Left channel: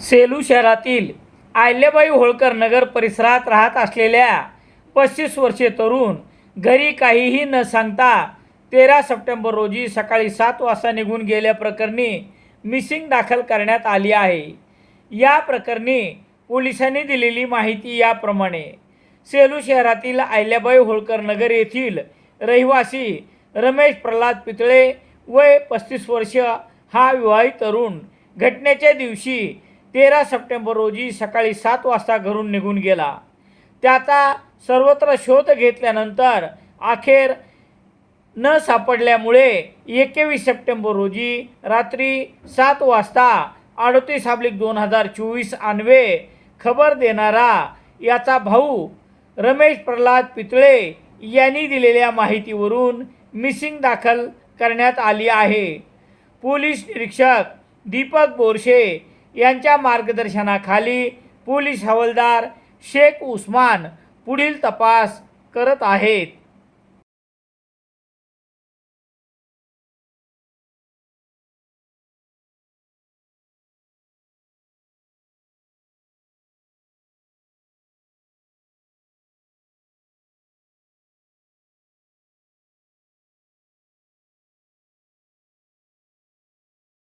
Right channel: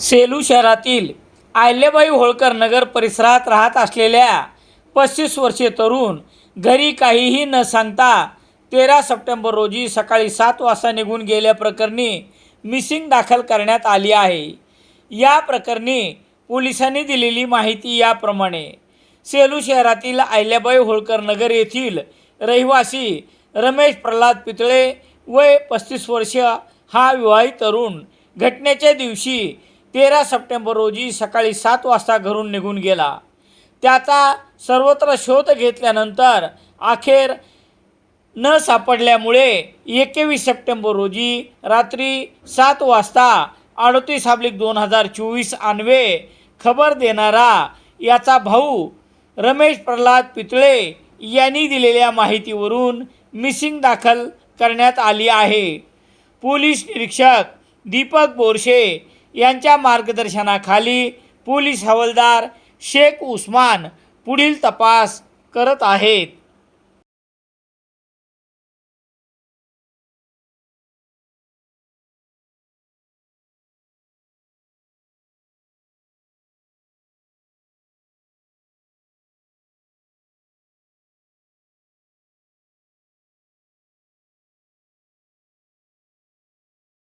सेलू शहरातील आयल्याबाई होळकर नगर परिसरात राहत असलेल्या पस्तीस वर्षीय तरुण घरी काहीही न सांगता तेरा सप्टेंबर रोजी सकाळी सात वाजता निघून गेल्याप्रकरणी मिसिंग दाखल करण्यात आली आहे. या प्रकरणी पोलिसांनी दिलेली माहिती याप्रमाणे सेलू शहरातील आयल्याबाई होळकर नगर येथील रहिवासी रमेश प्रल्हाद पितळे वय पस्तीस वर्ष हा विवाहित तरुण घटनेच्या दिवशी तेरा सप्टेंबर रोजी सकाळी सात वाजता घरून निघून गेला. त्याचा सर्वत्र शोध घेतल्यानंतर अखेर न सापडल्यामुळे एकवीस सप्टेंबर रोजी रात्री सात वाजता अडतीस अब्लिक दोन हजार चोवीस आणवे खबर देणारा याचा भाऊ रमेश प्रल्हाद पितळे यांनी दिलेल्या माहितीवरून मिसिंग दाखल करण्यात आली आहे. पोलीस निरीक्षक दीपक बोरशे यांच्या मार्गदर्शनाखाली पोलीस हवालदार शेख उस्मान पुढील तपास करत आहेत.